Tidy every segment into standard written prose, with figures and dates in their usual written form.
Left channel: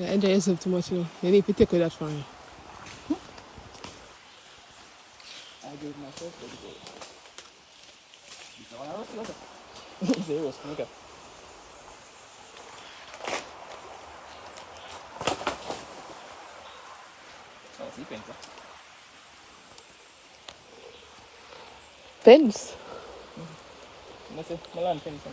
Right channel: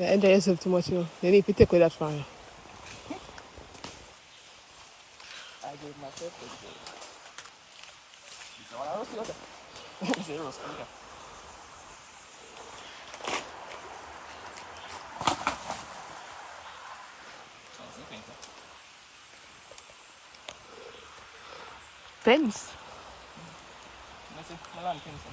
You enjoy yourself too much, you know. You need to take away that from you. I gave myself a little bit. This one I was looking. Zero, look at. Oh, see, pencil. Fence? That's it, my land fence.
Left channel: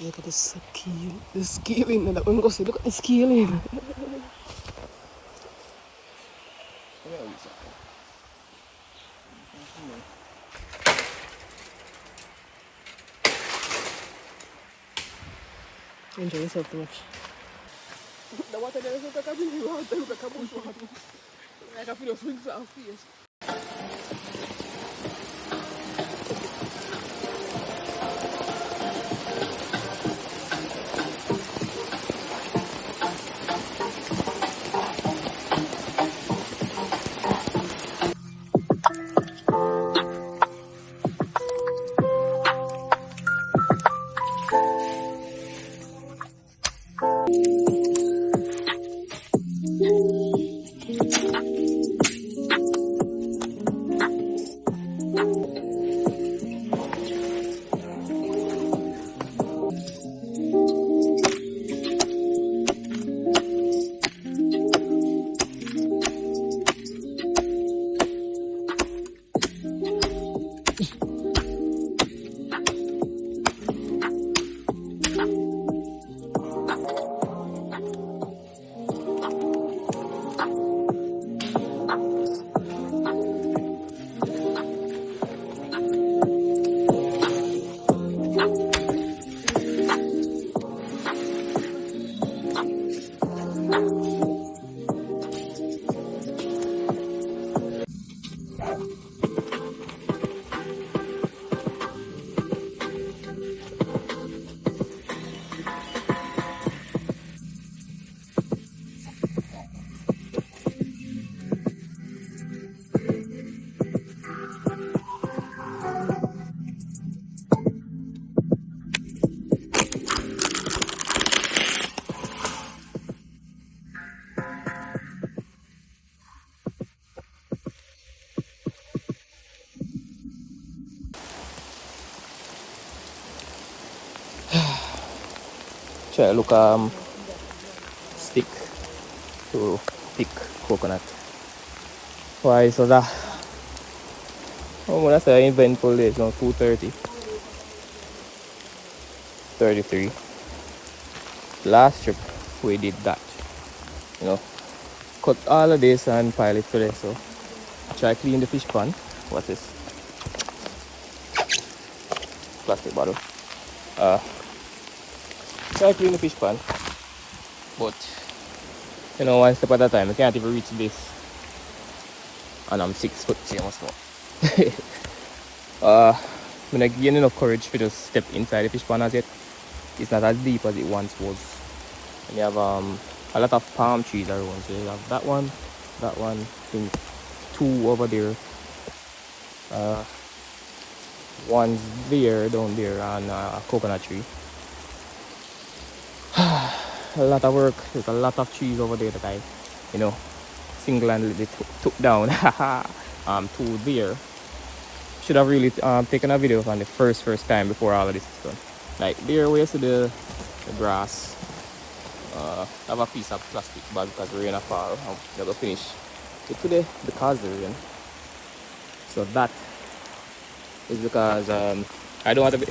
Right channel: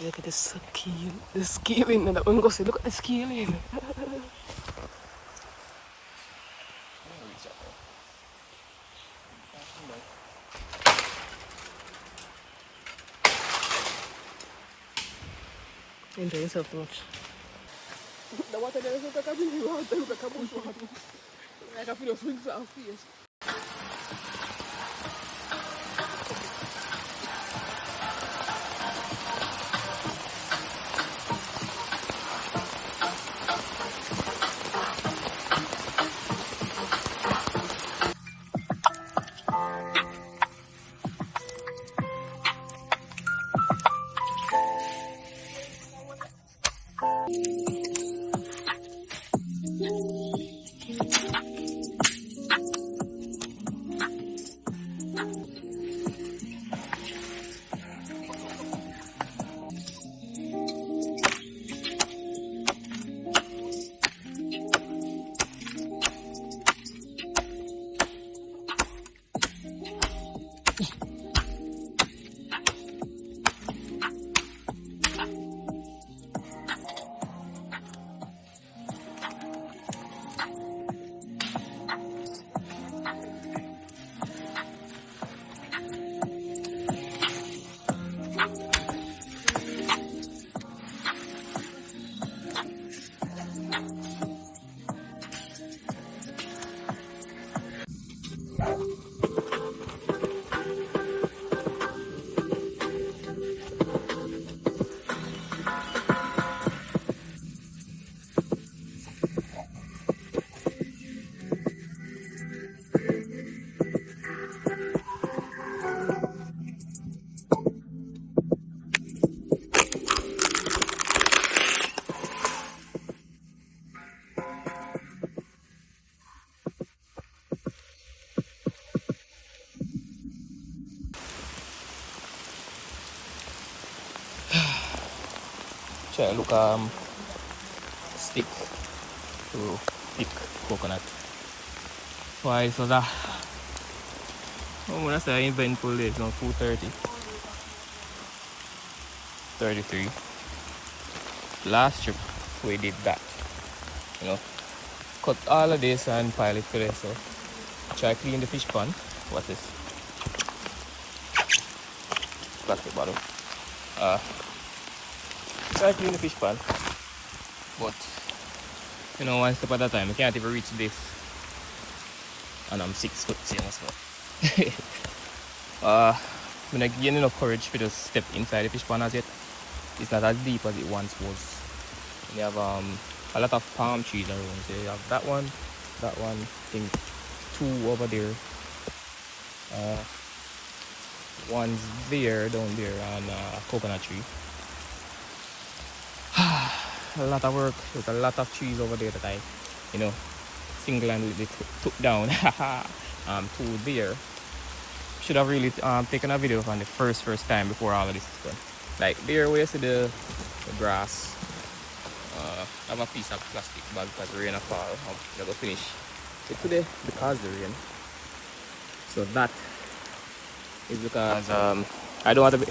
Look at the scale. The scaling. And that one goes, look at the scaling. Enjoy yourself too much. The water there is like a really water, look like a bush water. Like I feel a swing to our face. So look stick to thick coconut. Why so that when I say eventful days now 2:30. 33. Last trip we did that. You know. Cut all of this and pile it today, so try clean the fish pan. What's this? Plastic bottle. Try clean the fish pan. But you know, one step at a time. I can't even reach this. And I'm 6 foot, see how small. I'm not getting enough courage to just step inside the fish pan as yet. It's not as deep as it once was. And you have a lot of palm trees around. So you have that one, I think 2 over there. One's there, down there, and a coconut tree. A lot of work. There's a lot of trees over there that I, you know, single-handedly took down. 2 there. Should have really taken a video from the first time before all of this is done. Like there, where you see the grass. I have a piece of plastic bag because we're in a car. I'm gonna finish it today because of the rain. So that is because I don't have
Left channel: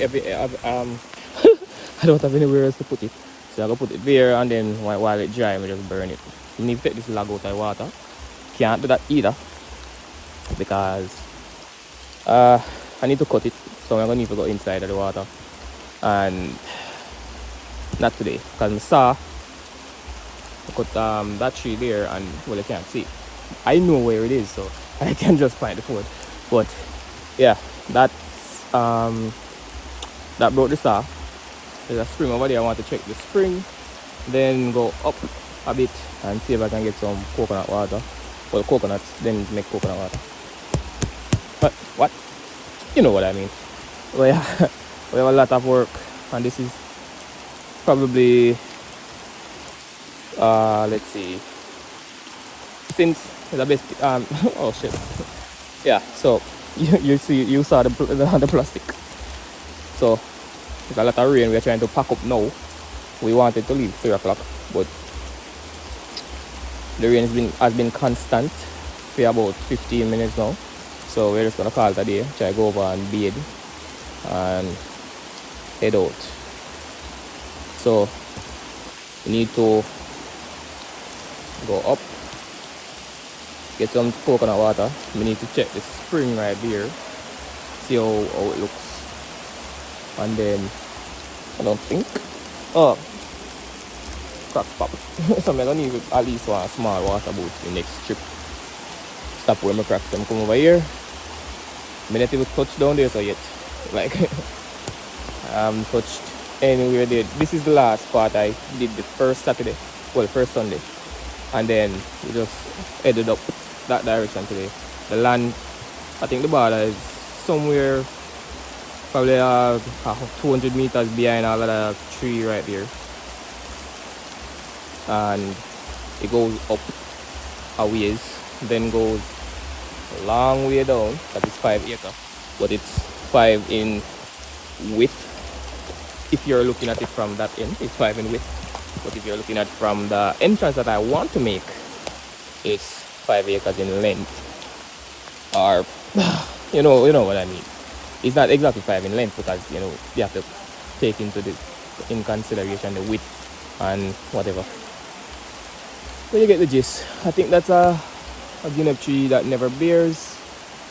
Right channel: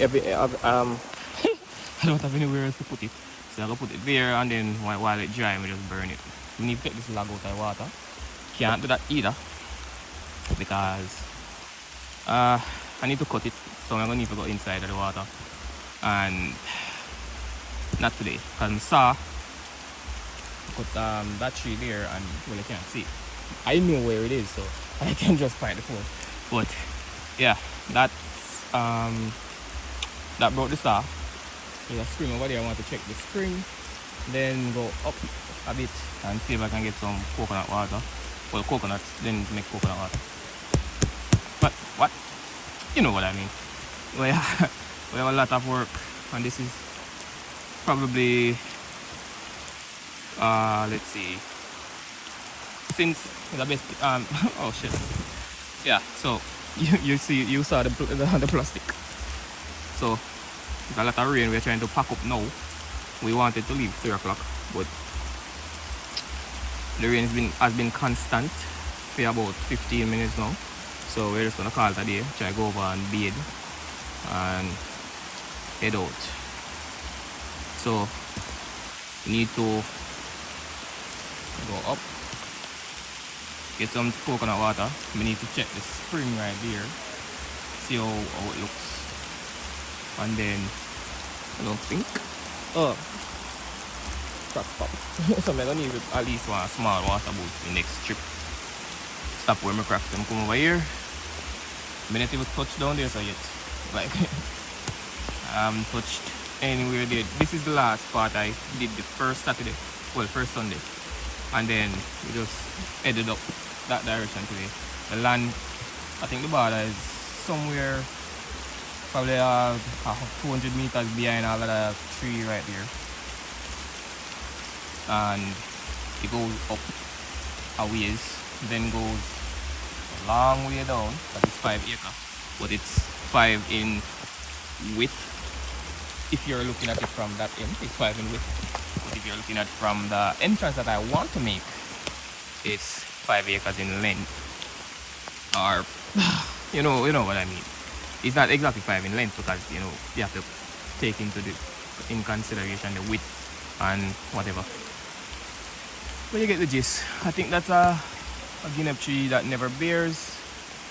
I don't have anywhere else to put it. So I'm gonna put it there, and then while it dry, I just burn it. You need to take this log out of the water. Can't do that either because I need to cut it, so I'm gonna need to go inside of the water. And not today, because I saw I cut that tree there, and well, I can't see it. I know where it is, so I can just find the phone. But yeah, that broke this off. There's a spring over there. I want to check the spring, then go up a bit and see if I can get some coconut water. Well, coconuts, then make coconut water. But what? You know what I mean. Well, yeah, we have a lot of work, and this is probably let's see, since the best oh shit, yeah. So you saw the plastic. So there's a lot of rain. We're trying to pack up now. We wanted to leave 3 o'clock, but the rain has been constant for about 15 minutes now. So we're just gonna call it a day. Try to go over and bathe and head out. So we need to go up, get some coconut water. We need to check the spring right there, see how it looks, and then I don't think pop. So I'm gonna need at least one small water boat the next trip. Stop where my cracks them come over here. I mean, if you touch down there, so I get like touched anywhere there. This is the last part I did the first Saturday, well, first Sunday, and then we just headed up that direction today. The land, I think the border is somewhere probably 200 meters behind all of that tree right there, and it goes up a ways, then goes a long way down. That is 5 acres, but it's 5 in width. If you're looking at it from that end, it's 5 in width. But if you're looking at it from the entrance that I want to make, it's 5 acres in length. Or you know what I mean. It's not exactly 5 in length because you have to take in consideration the width and whatever. But you get the gist. I think that's a guinea tree that never bears.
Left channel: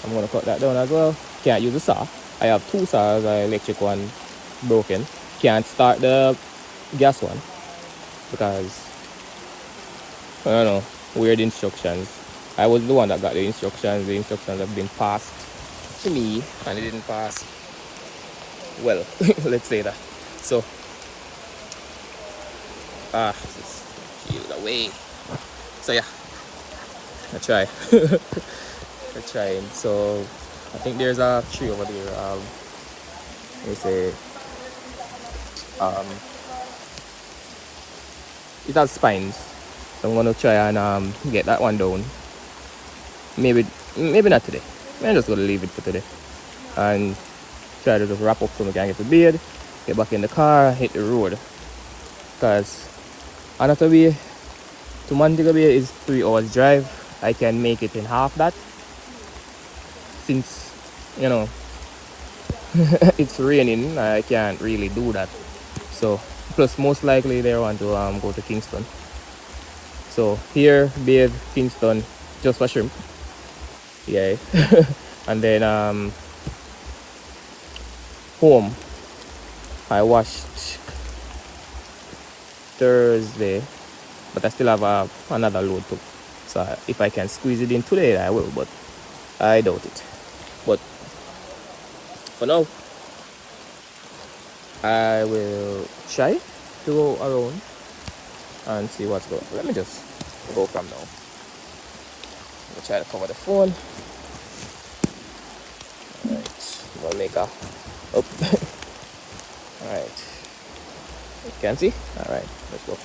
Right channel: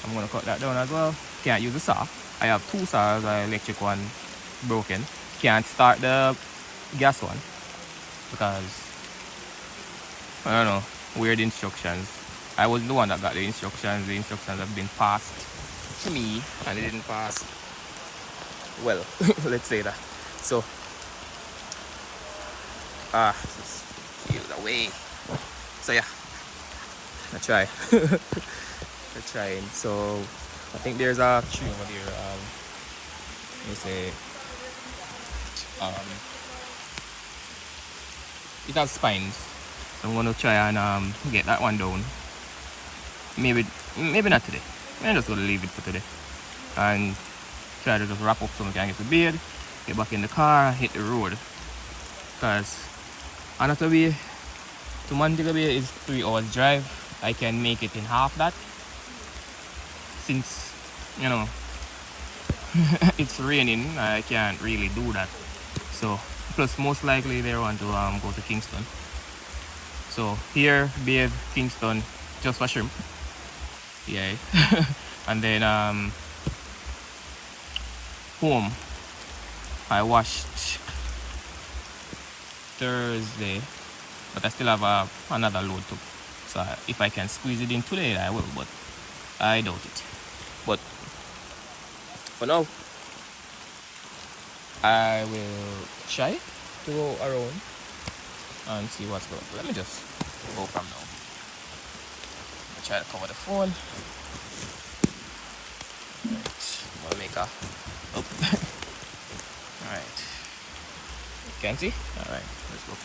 I'm gonna cut that down as well. Can't use a saw. I have 2 saws, an electric one broken. Can't start the gas one because I don't know, weird instructions. I was the one that got the instructions. The instructions have been passed to me and it didn't pass well. Let's say that. So just peel it away. So yeah, I try. I trying. So I think there's a tree over there. Let me say it has spines. So I'm gonna try and get that one down. Maybe not today. I'm just gonna leave it for today and try to just wrap up so we can get to bed, get back in the car, hit the road. Because Annotto Bay to Montego Bay is 3 hours drive. I can make it in half that since it's raining. I can't really do that. So plus most likely they want to go to Kingston. So here, bathe, Kingston, just for shrimp. Yeah. And then home. I washed Thursday, but I still have another load to. So if I can squeeze it in today, I will, but I doubt it. But for now, I will try to go around and see what's going on. Let me just go from now. Let me try to cover the phone. Alright, we'll make a up. Alright. You can see? Alright, let's go.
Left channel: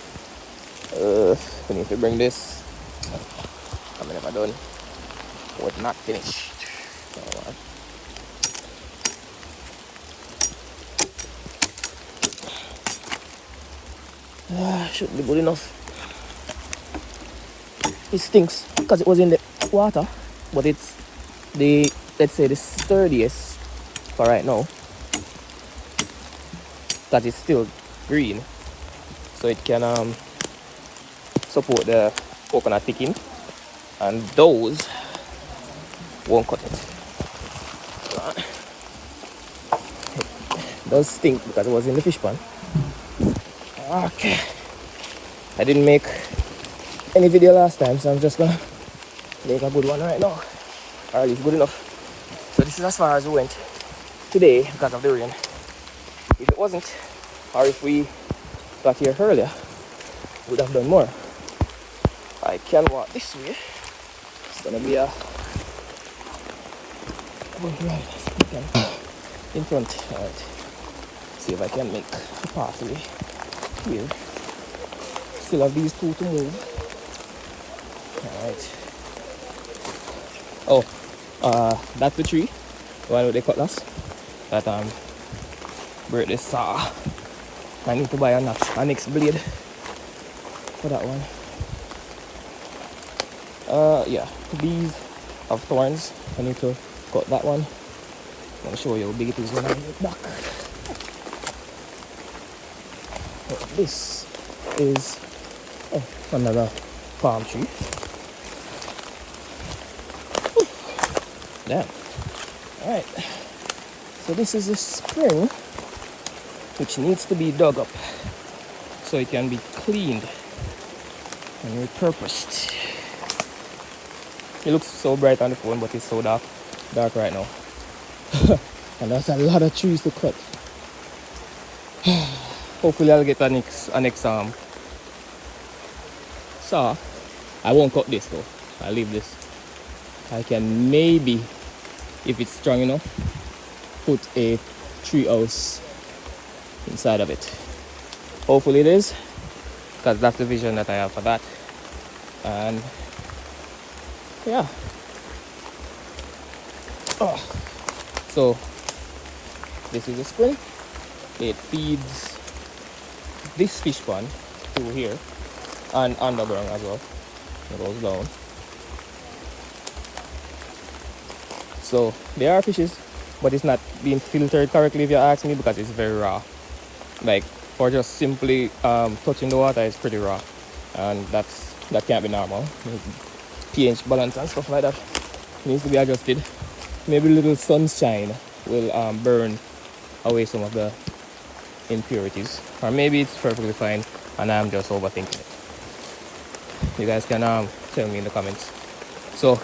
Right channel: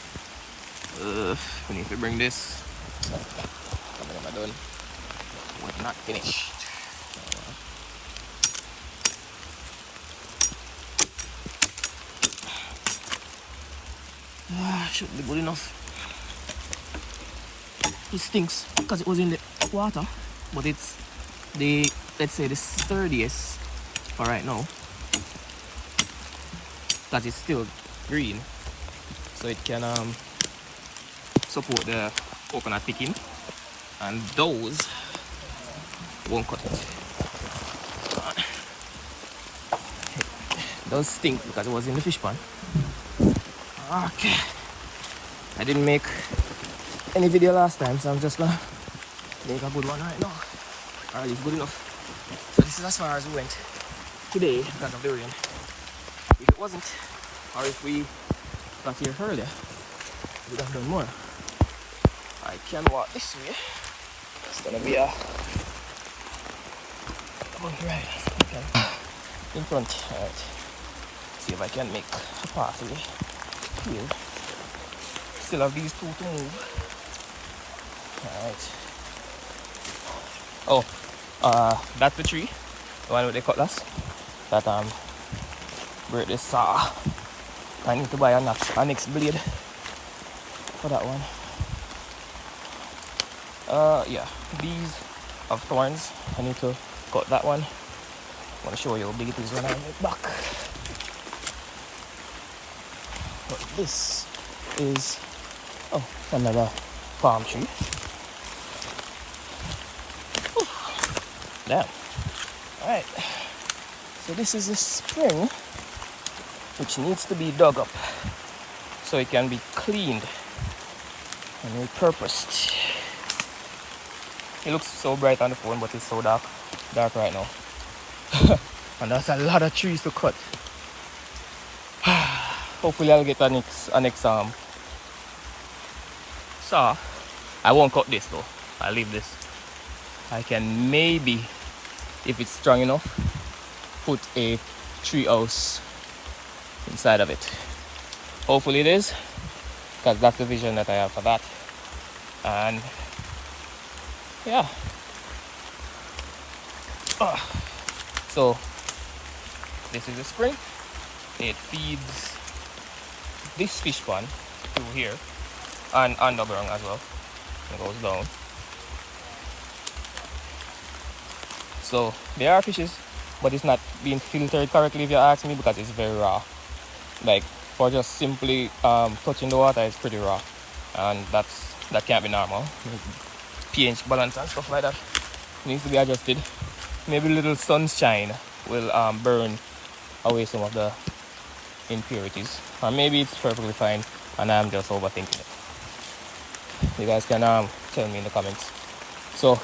We need to bring this. I'm never done. Was not finished. Should be good enough. It stinks because it was in the water, but it's the, let's say, the sturdiest for right now, that is still green, so it can support the coconut picking, and those won't cut it. It does stink because it was in the fish pan. Okay, I didn't make any video last time, so I'm just gonna make a good one right now, or at least good enough. So this is as far as we went today because of the rain. If it wasn't, or if we got here earlier, we would have done more. I can walk this way. It's gonna be a in front. Alright, see if I can make a pathway. here. Still have these two to move. Alright. Oh, that's the tree. The one with the cutlass. That break this saw. I need to buy a next blade for that one. Yeah, these have thorns. I need to cut that one. I'll show you how big it is when I get back. This is another palm tree. Whew. Damn. Alright. So this is a spring which needs to be dug up so it can be cleaned and repurposed. It looks so bright on the phone, but it's so dark right now. And that's a lot of trees to cut. Hopefully I'll get a next saw. I won't cut this though. I'll leave this. I can maybe, if it's strong enough, put a tree house inside of it. Hopefully it is, because that's the vision that I have for that. And yeah. So this is a spring. It feeds this fish pond through here and underground as well. It goes down. So there are fishes, but it's not being filtered correctly if you ask me, because it's very raw. Like, for just simply touching the water, it's pretty raw, and that can't be normal. pH balance and stuff like that needs to be adjusted. Maybe a little sunshine will burn away some of the impurities, or maybe it's perfectly fine and I'm just overthinking it. You guys can tell me in the comments. So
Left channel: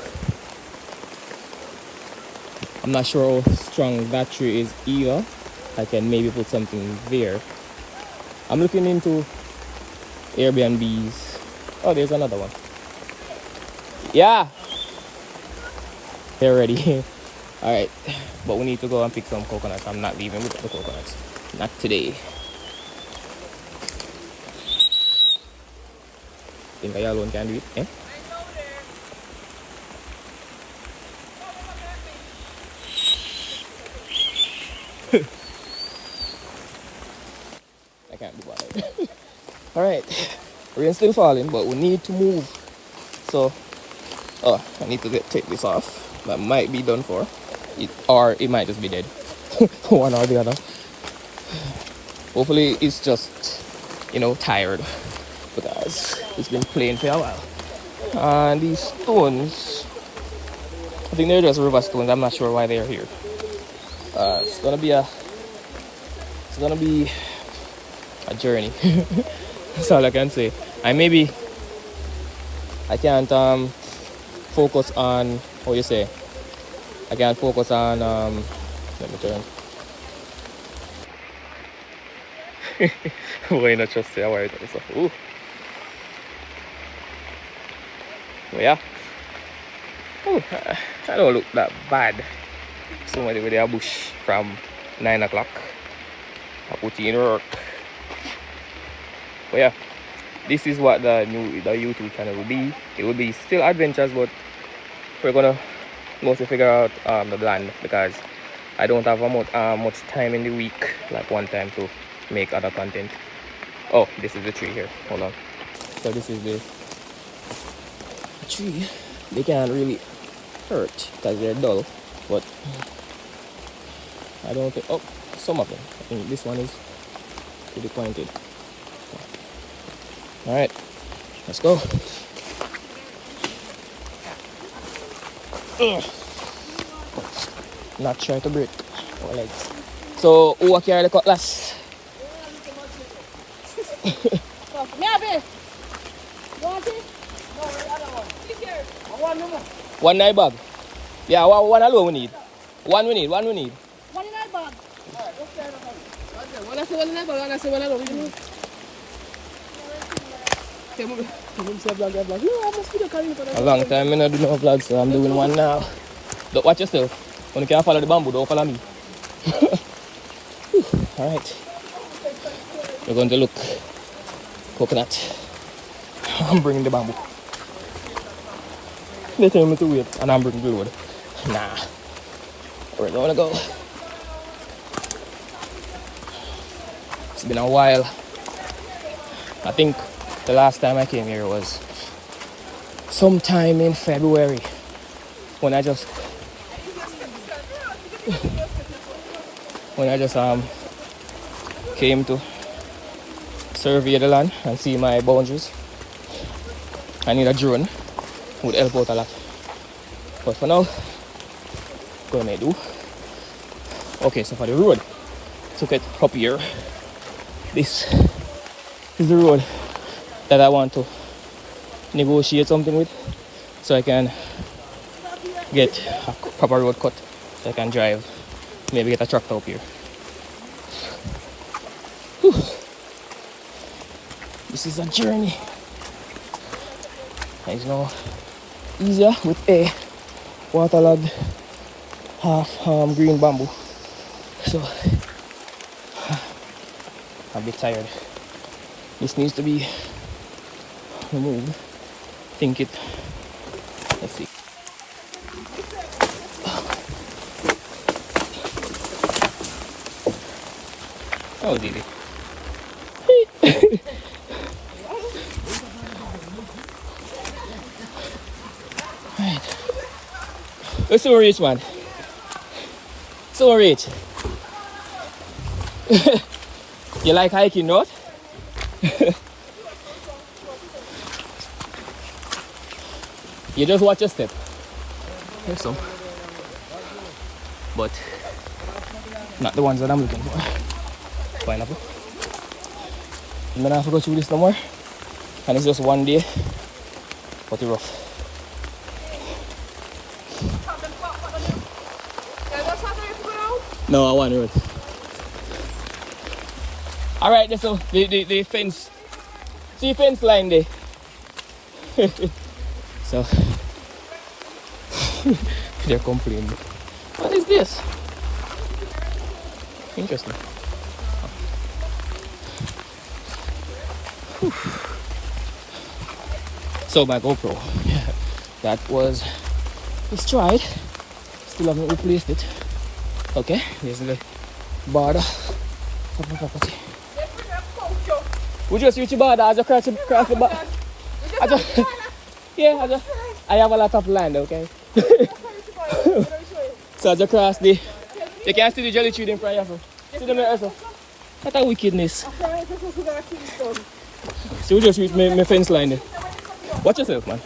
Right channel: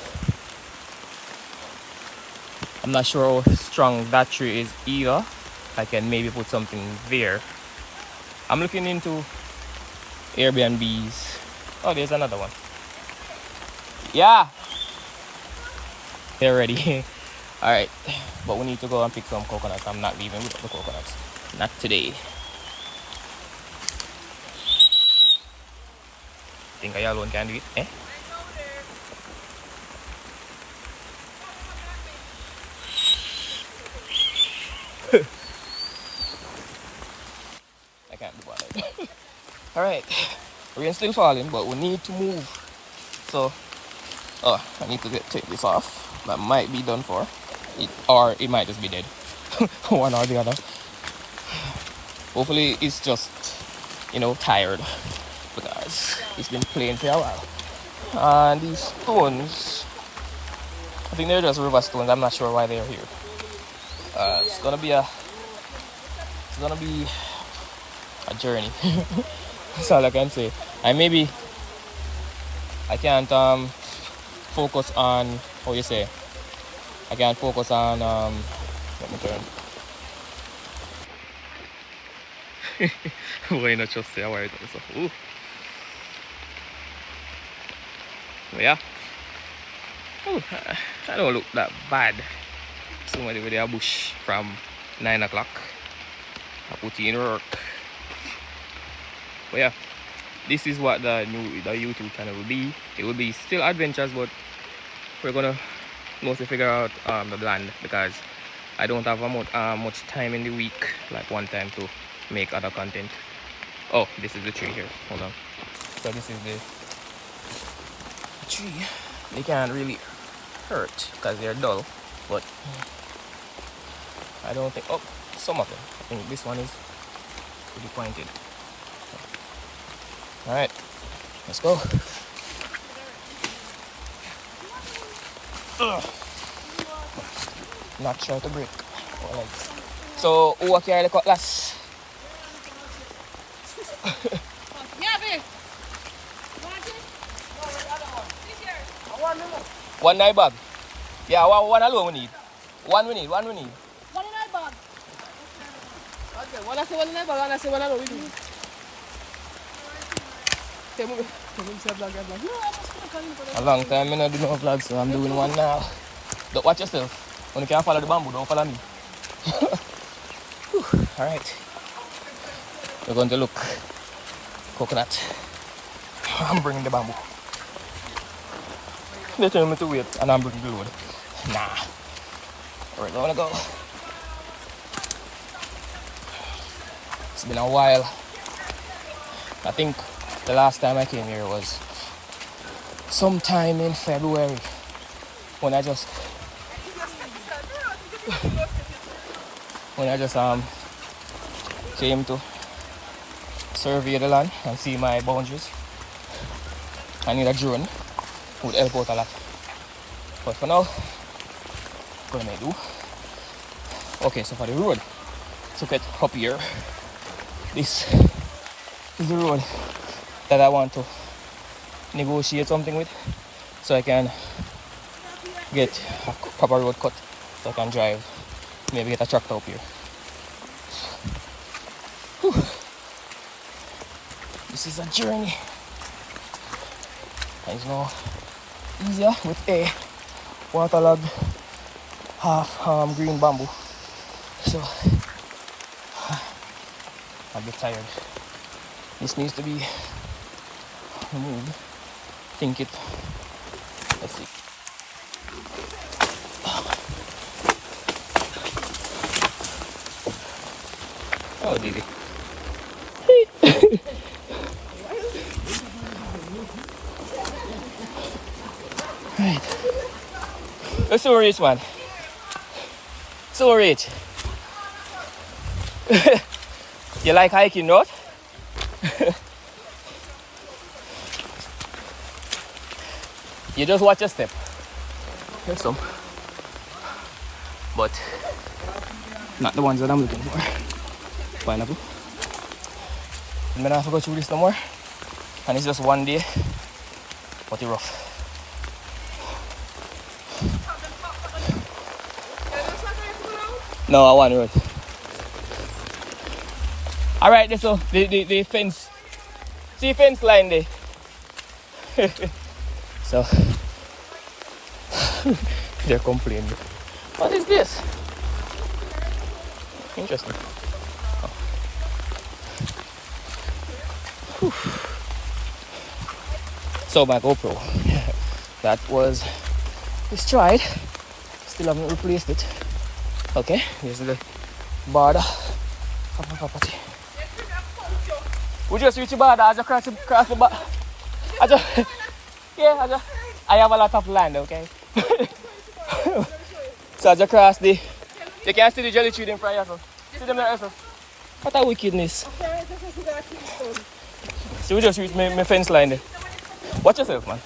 I'm not sure how strong that tree is either. I can maybe put something there. I'm looking into Airbnbs. Oh, there's another one. Yeah, they're ready. All right, but we need to go and pick some coconuts. I'm not leaving with the coconuts, not today. Think I alone can do it, eh? I can't do that. All right, rain's still falling, but we need to move. So, I need to take this off. That might be done for, or it might just be dead. One or the other. Hopefully, it's just, tired, because it's been playing for a while. And these stones, I think they're just river stones. I'm not sure why they're here. It's gonna be a journey. That's all I can say. I can't focus on, what you say? I can't focus on let me turn. Why not just say why so? Ooh. Yeah. Ooh, I don't look that bad. Somebody with a bush from 9 o'clock. I put in work. But yeah, this is what the YouTube channel will be. It will be still adventures, but we're gonna mostly figure out the land, because I don't have much time in the week, like one time, to make other content. Oh, this is the tree here. Hold on. So this is the tree. They can't really hurt because they're dull, but I don't think. Oh, some of them. I think this one is pretty pointed. All right, let's go. Not sure to break. Right. So, who carry the cutlass? One night bag. Yeah, one alone we need. One we need. One in our bag. One I say one in our bag, and I say one alone we need. A long time I don't do no vlog, so I'm doing one now. Don't watch yourself. When you can't follow the bamboo, don't follow me. Alright. We're going to look coconut. I'm bringing the bamboo. They tell me to wait and I'm bringing the load. Nah. Where do I wanna go? It's been a while. I think the last time I came here was sometime in February when I just came to survey the land and see my boundaries. I need a drone, would help out a lot. But for now, what I do? Okay, so for the road, took it up here. This is the road that I want to negotiate something with, so I can get a proper road cut, so I can drive, maybe get a tractor up here. Whew. This is a journey. It's now easier with a waterlogged half green bamboo, so I'm a bit tired. This needs to be removed. Think it. Let's see. Oh, easy. Right. Let's so rich, man. So rich. You like hiking, not? You just watch your step. There's some. But not the ones that I'm looking for. Pineapple. I'm gonna have to go through this no more. And it's just one day. But it's rough. No, I want road. Alright, so the fence. See fence line there. So they're complaining. What is this? Interesting. So my GoPro, that was destroyed. Still haven't replaced it. Okay, here's the border of the property. We just reach the border as you cross the border. Yeah, I have a lot of land, okay? So as you cross you can see the jelly tree in front of you. See them there, so. What a wickedness. So we just reach my fence line there. Watch yourself, man.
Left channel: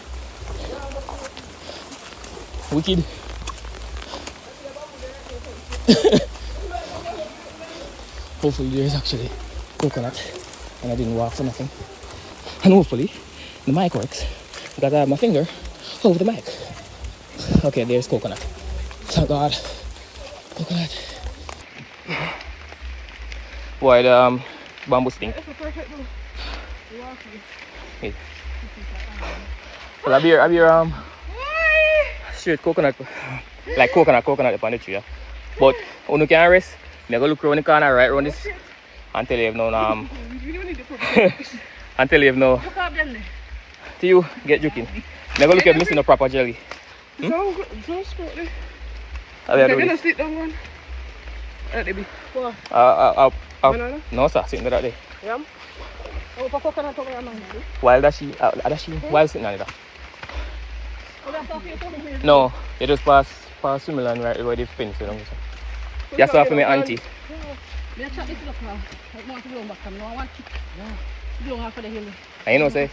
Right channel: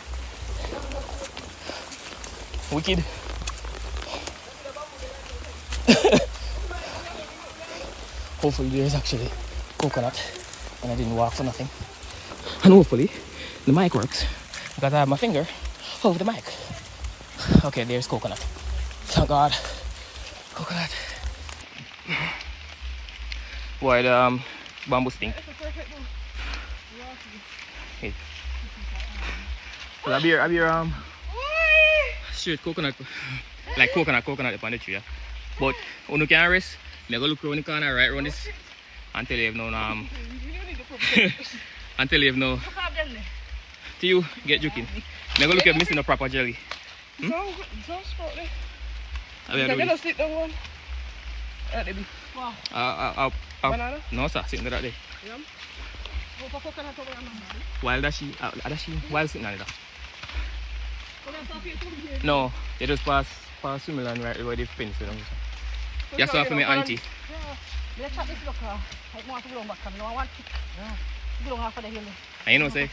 Wicked. Hopefully there's actually coconut and I didn't walk for nothing. And hopefully the mic works because I have my finger over the mic. Okay, there's coconut. Thank God. Coconut. Why the bamboo stink? Hey. Well, I beer straight coconut, like coconut upon the tree. Yeah. But when you can rest, you go look around the corner right around this until you have no until you have no till you get joking. You go look at missing a proper jelly. Hmm? No sir, sitting right there. Yeah. While that she while sitting on it. No, you just pass similar and right where the fence you know. You saw for my auntie. And you know say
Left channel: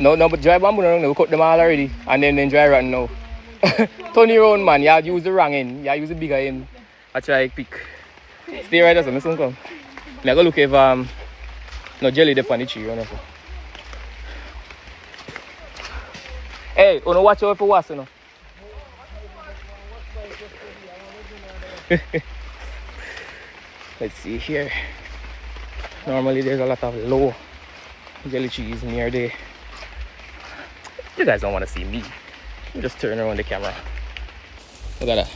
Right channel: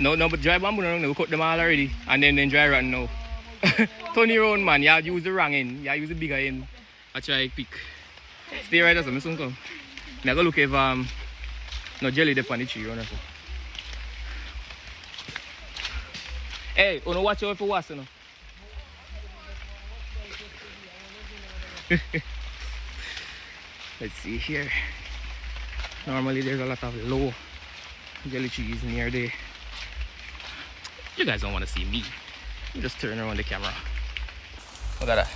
no but dry bamboo no, we cut them all already and then dry rotten now. Turn your own man, you use the wrong end, you use the bigger end. I try pick. Stay right there so I soon come. I go look if no jelly there on the tree or nothing. Hey, wanna watch out for what, you know? Let's see here. Normally there's a lot of low jelly trees near there. You guys don't want to see me. You just turn around the camera. We got a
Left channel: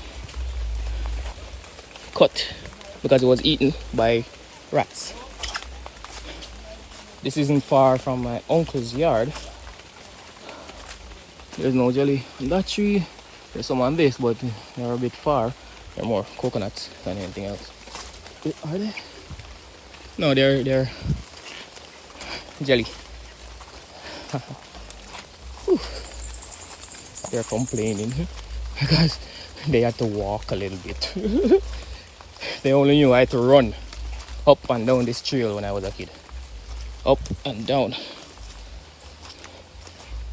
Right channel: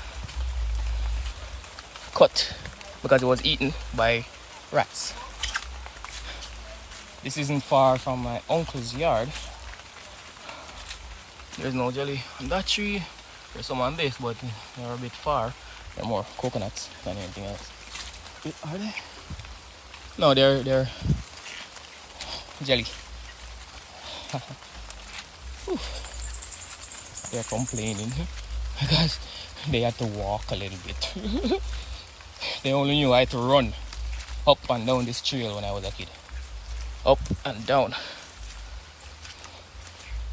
cut because it was eaten by rats. This isn't far from my uncle's yard. There's no jelly in that tree. There's some on this, but they're a bit far. They're more coconuts than anything else. Are they? No, they're jelly. They're complaining because they had to walk a little bit. They only knew I had to run up and down this trail when I was a kid. Up and down.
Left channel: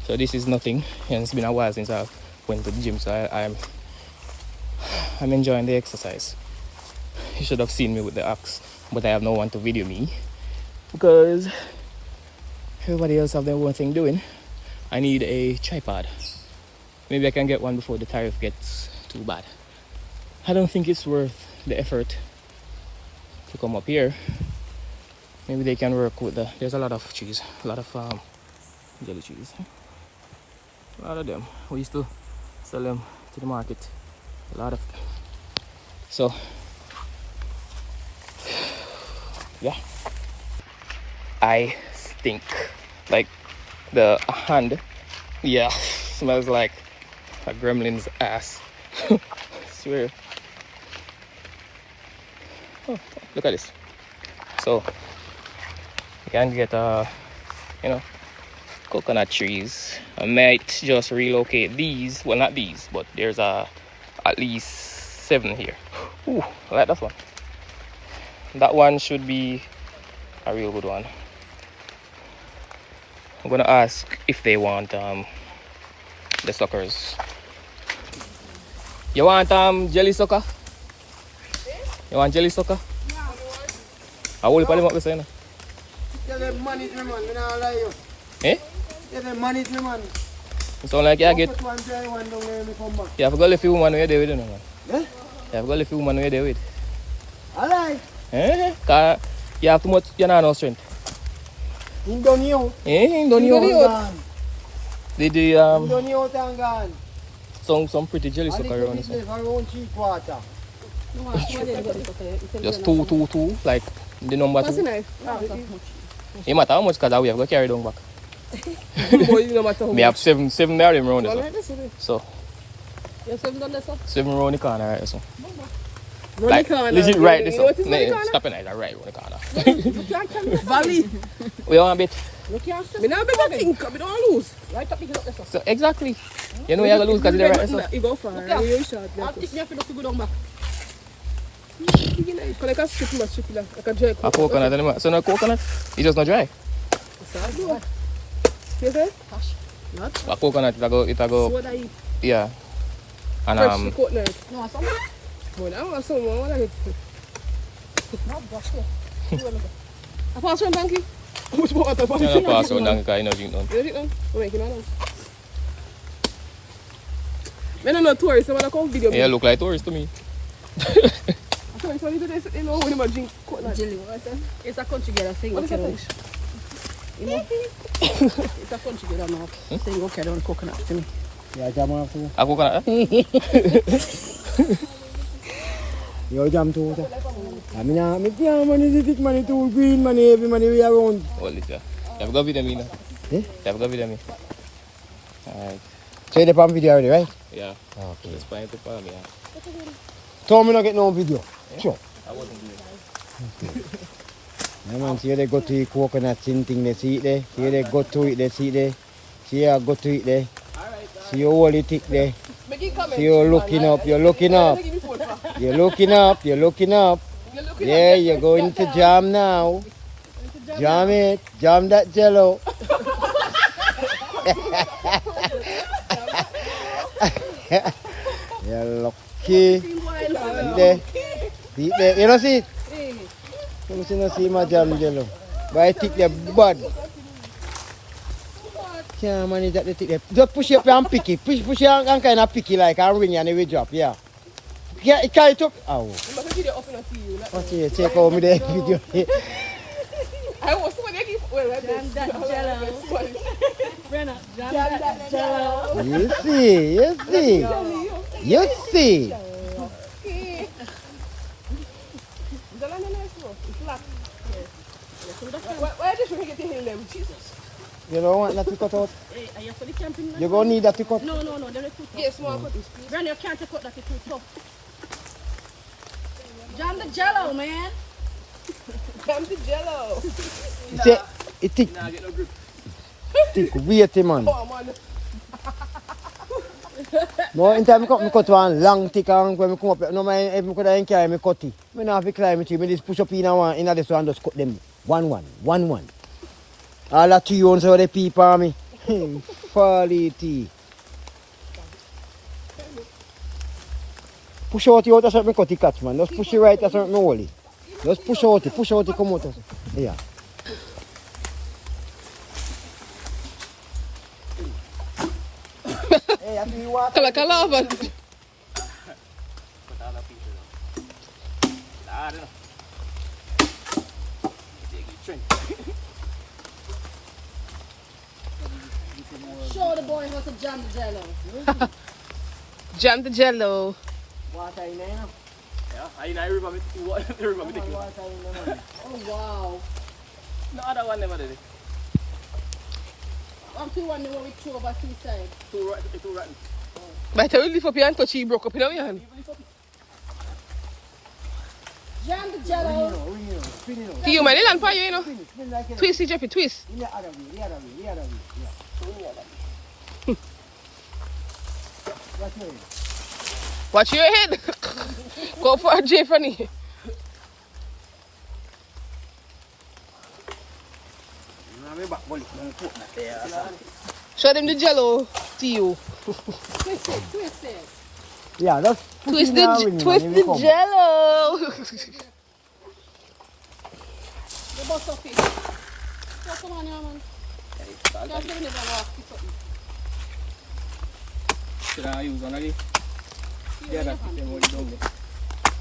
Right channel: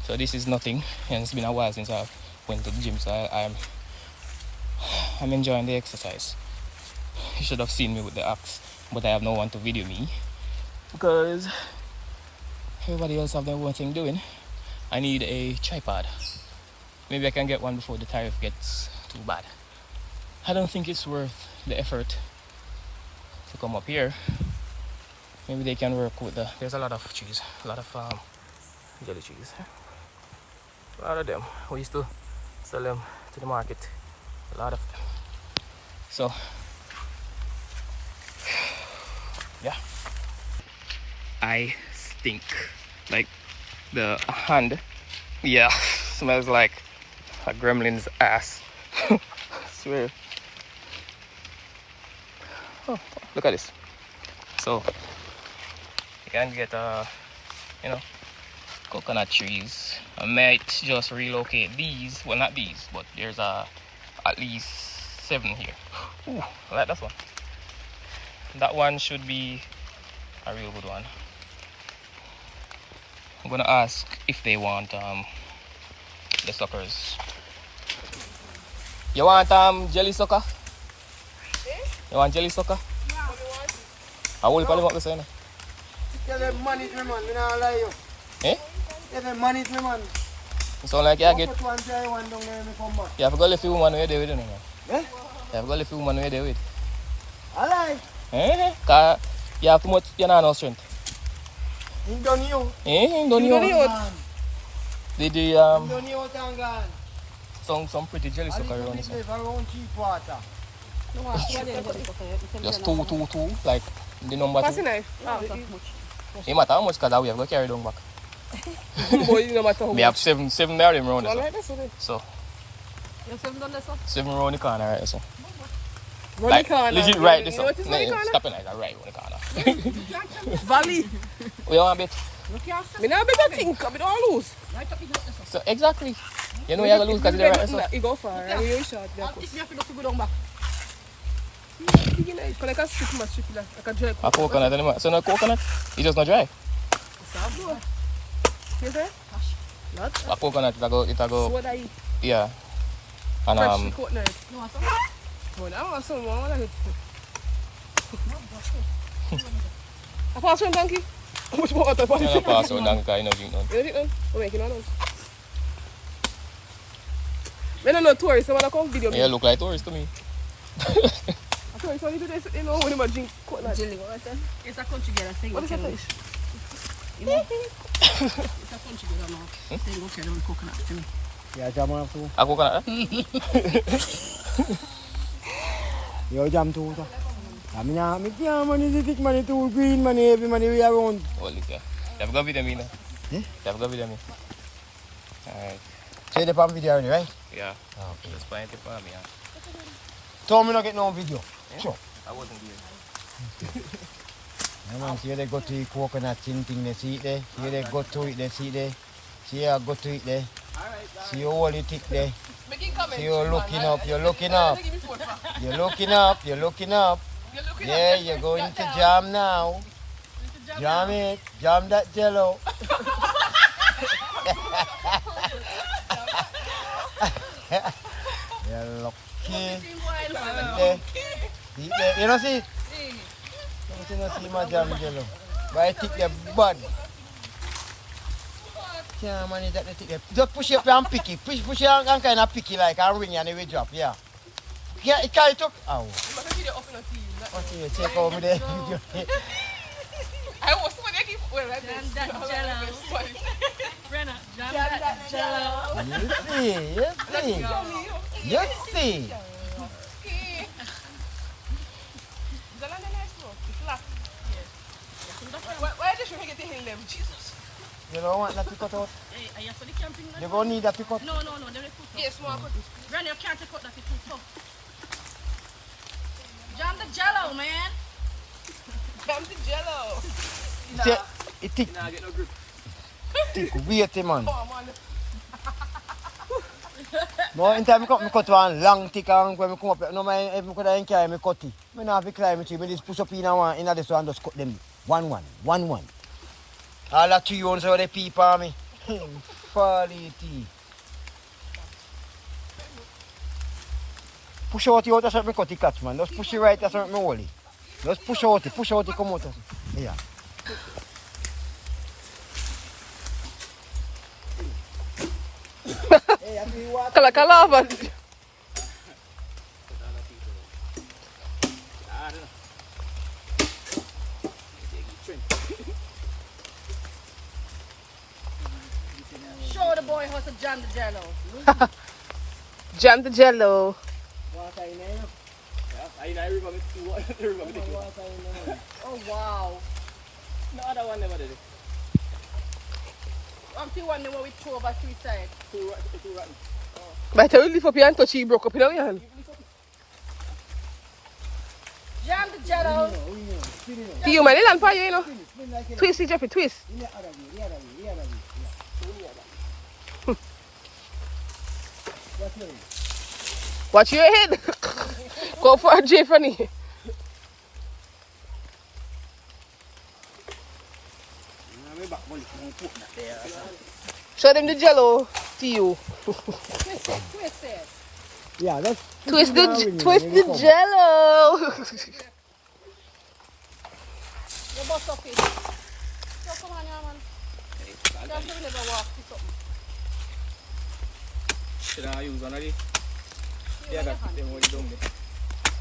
So this is nothing, and it's been a while since I went to the gym, so I'm enjoying the exercise. You should have seen me with the axe, but I have no one to video me because everybody else have their own thing doing. I need a tripod. Maybe I can get one before the tariff gets too bad. I don't think it's worth the effort to come up here. Maybe they can work with there's a lot of trees, a lot of jelly trees. A lot of them. We used to sell them to the market. A lot of. So, yeah. I stink. Like the hand, yeah, smells like a gremlin's ass. Swear. Oh, look at this. So you can get coconut trees. I might just relocate these. Well, not these, but there's at least 7 here. Ooh, I like that one. That one should be a real good one. I'm gonna ask if they want the suckers. You want jelly sucker? You want jelly sucker? Yeah. I will put them up the side. Tell them money to me, man. I don't lie you. Eh? Tell them money to me, man. It sound like you get. One try one down there, me come back. You have got a few women where they with you, man. Eh? You have got a few women where they with. I lie. Eh? Cause you have too much. You know no strength. Him done you. Eh? Him done you. They do Him done you out and gone. some pretty jelly sucker around this one. Around cheap water. Just two, like the number What's the 2. knife? It matter how much cause we have to carry down back. Boy, no matter how We have much. 7 there around Well, this. like this, isn't it? So You have 7 done this, sir? 7 around the corner, right? So. Run the corner. Legit right this You know what is run the corner? Stop it, right around the corner. Valley. We want a bit. Me not better think, I don't lose. Right up here, look this up. So exactly. You know you have to lose because they're right. So. You go far, Yeah. you short. I'll take me up to go down back. Can I strip my strip like a dry A coconut anymore. So no coconut? It just not dry. You say? Not? A coconut it go So what I eat? yeah. And Freshly coconut. No, it's not. Oh, I want some more. I eat. No, that's it. I pass from donkey. How much more water? Pass you it. pass on down because you know drink them. You drink them? We're making one. I don't know tourists. I want to come video. Yeah, look like tourists to me. I told you when you do this, you know, when you drink coconut. Jelly, what? It's a country girl thing. What is that fish? You know? It's a country girl now. Saying okay, don't coconut to me. Yeah, jam off you. A coconut? Yo, jam too. I mean, money, thick money, too green money, heavy money we around. Well, it's you have got vitamin. Eh? You have got vitamin. Alright. So you on video already, right? Yeah. Okay. It's fine to follow me. Yeah. Tell me not get no video. Yeah? Sure. I wasn't doing it. Yeah, man, see they go to the coconut thing, they see it there. See they go to it, they see it there. See I go to it there. See you hold it thick there. See you looking up, you're looking up. You're looking up, you're looking up. Yeah, you're going to jam now. Jam it, jam that jello. You're lucky. There. See there. You don't see it? You don't see my jam jello. But I think they're bad. Yeah, man, is that the thing? Just push it up and pick it. Push it and kind of pick it like and ring and it will drop. Yeah. Yeah, it can't talk. Oh. Okay, take over me there. Video. I was so many well, Jam that jello. Brenna, jam that jello. You see, you see. You see. Why did you get the hill them? Jesus. You don't want that to cut out? Hey, are you for the camping? You're going to need that to cut. No, they're too tough. Yes, small cut. Granny, you can't take out that, it's too tough. Jam the jello, man. Jam the jello. It thick. Nah, get no grip. Thick. Weighty, man. Oh, man. No, in time I cut one long thick and when I come up, no man, if I could carry me cut it. I don't have to climb it, I just push up in this one and just cut them. One. All that 2 ounces of the people on me. Folly tea. Push out the out, that's what I cut the catch, man. Just push it right, that's what I hold it. Just push out it, come out. Yeah. Hey, I feel water. Like a lava. Show the boy how to jam the jello. Jam the jello. Water in there, you know? Yeah, I remember it. Oh, wow. No other one never did it. I'm the one that we throw over 3 sides. Too rotten. By the time you lift up your hand, touch it, broke up in your hand. Jam the jello. You man, it's on fire, you know. Twist it, Jeffy, twist. The other way. Yeah. That's right. Watch your head. Go for a J funny. Show them the jello to you. Twist it. Yeah, that's Twist the jello. The bust of it. Come on here, man. Just give me the walk. Should I use one again? Yeah, that's the one down there.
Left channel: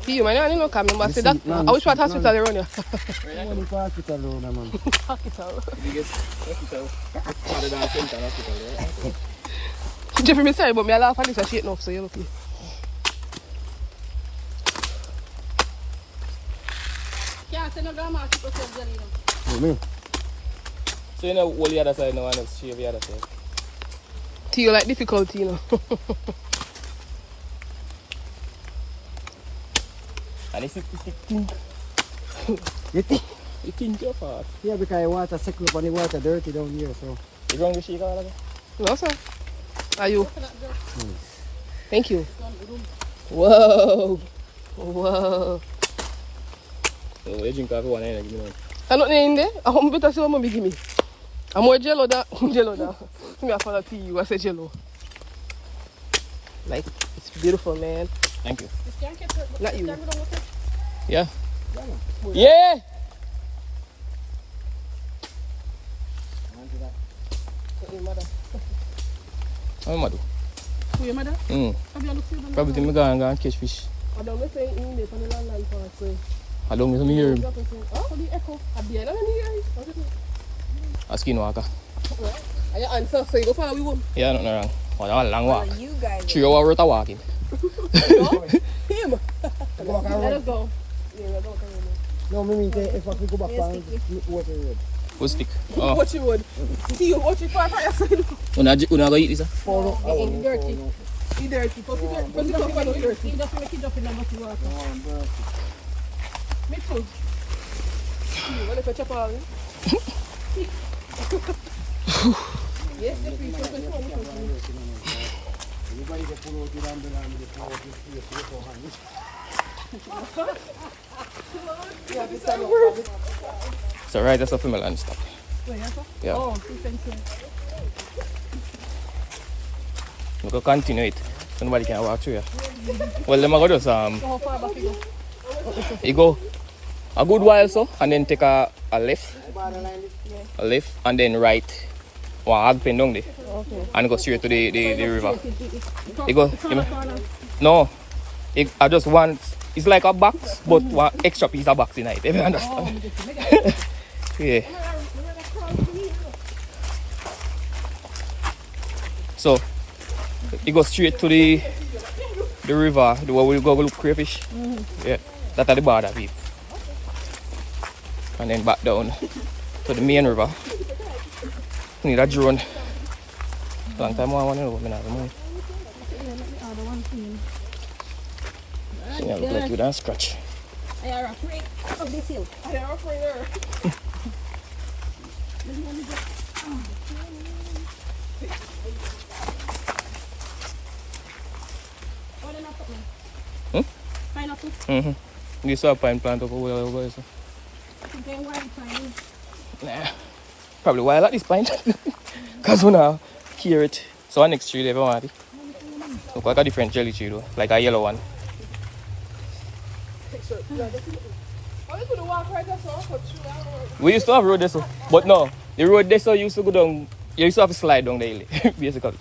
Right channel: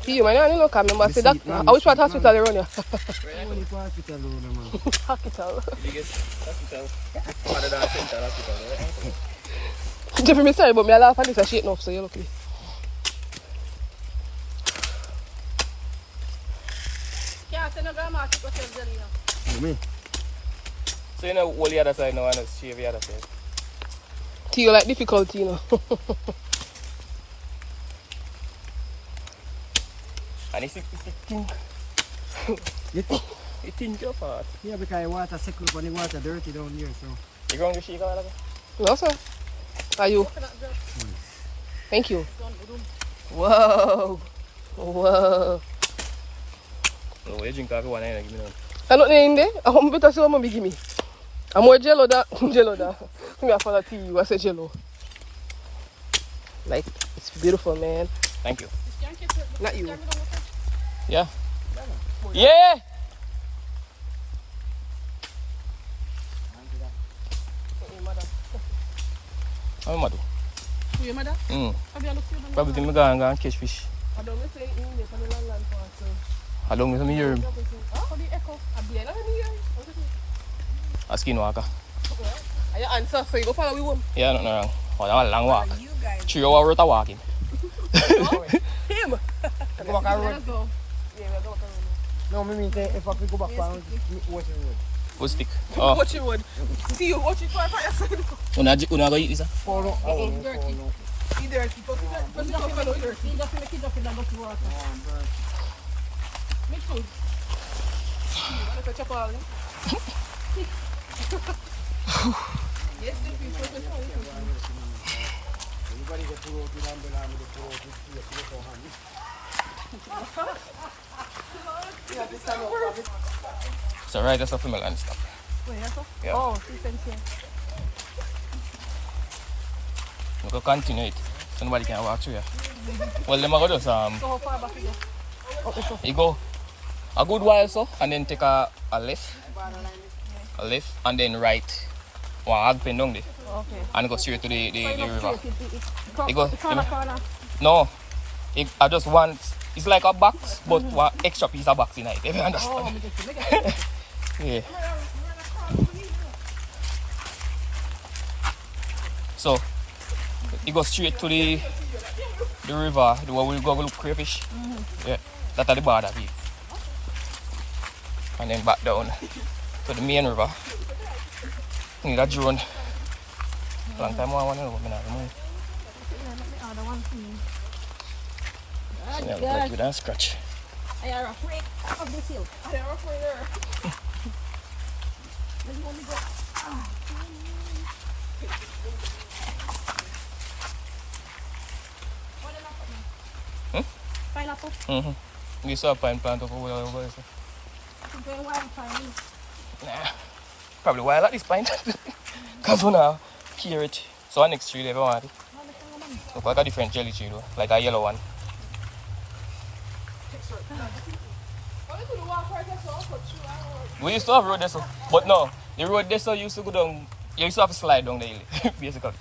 You man, I don't know, come number. See that? I wish what hospital you run here. only for hospital, man. Biggest hospital. Other than Central Hospital, yeah. Jeffy, me sorry, but me I laugh at this shit enough, so you're lucky. Can't say no grandma to put some jello. Me. So you know, all the other side now and just shave the other side. To you like difficulty, you know. And it's thin. You think? It's thin too fast. Yeah, because the water settle up and the water dirty down here, so. You going to shave that? No, sir. Are you? Thank you. Whoa. So you drink coffee one and give me one. I'm not in there. I'm better so I'm give me. I'm more jello that. Jello that. Me I follow tea. I say jello. Like it's beautiful, man. Thank you. Not you. Yeah. Yeah! Your mother. I'm mad. Who your mother? Have you looked through the Probably think me go and catch fish. I don't know say in there for the land part too. How long is me here? Oh, for the echo. I be like, A skinwalker. and your answer, so you go follow we home. Yeah, nothing wrong. Oh, that was a long walk. You guys. 3 hours worth of walking. Him. Go back and Let run. us go. Yeah, we'll go. No, me mean if I go back down, what the road? Who's stick? Oh. Watch it would. See you watch it for your side. Una go eat this? Follow. Dirty. He dirty. Put it up on the dirty. He just make it up in the bottle water. Me too. You want to chop all? Yes, the people. So right, that's a female and stuff. Wait, that's Yeah. Oh, thank you. We go continue it. Somebody can walk through here. Well, them go just So how far back you go? you go a good while so, and then take a left, and then right. One hard pen down there, Okay. and go straight to the river. You go- corner. No, I just want. It's like a box, but one extra piece of box in it. If you understand? Oh, me just make it. Yeah. So it goes straight to the river, the way we go look crayfish. Yeah, that's at the border. and then back down to the main river. Need a drone. Long time I want to know. Yeah, we go with a scratch. I are afraid of this hill. I am afraid there. Pineapple. We saw a pine plant over there. I think they're wild pine. Nah. Probably wild at this pint. Because we now hear it. So next tree they don't want it. Look like a different jelly tree though. Like a yellow one. We used to have road there, but no, the road there used to go down. You used to have to slide down daily, basically.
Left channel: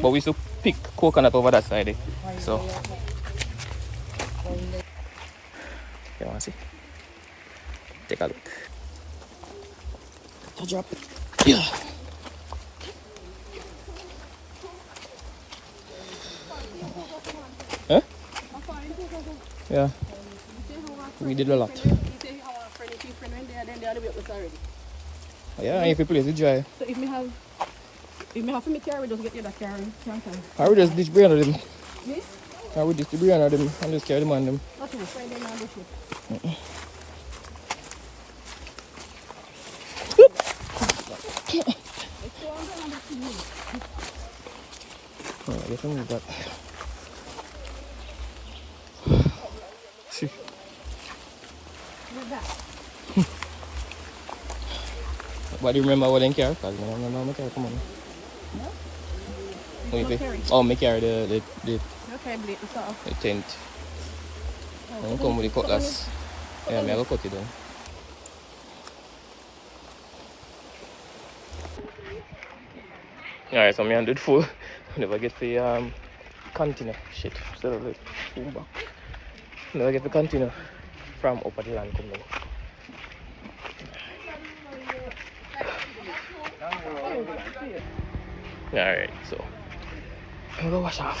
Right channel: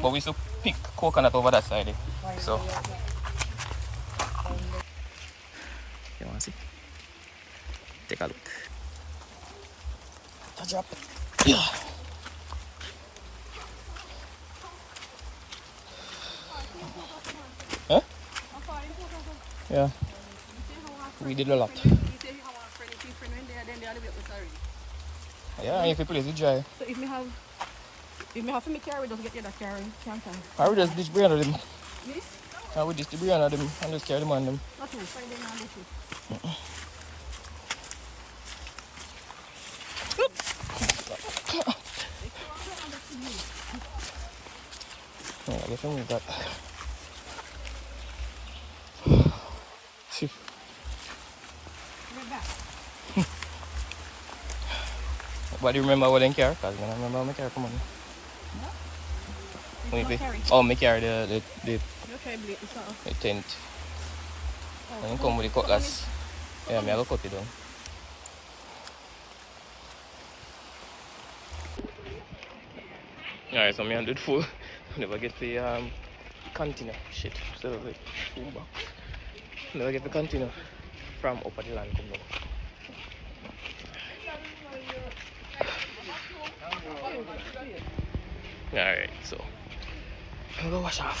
But we used to pick coconut over that side. So, you want to see? Take a look. I drop it. Yeah. Huh? Yeah. We did a lot. Yeah, if you play, we dry. So if me have to make carry, we just get the other carry. Can't I? I would just dish brain of them. Me? I would dish the brain of them and just carry them on them. Not too. Find them and do it. Yeah, look at that. But do you remember what I care? Because I don't remember my car. Come on. No? Oh, my car, the tent. I don't come with the cutlass. Yeah, I'm going to cut it down. Alright, so I'm going to do it full. Never get the container. Shit, instead of the boom back. Never get the container from up at the land coming. Alright, so I'm gonna wash off.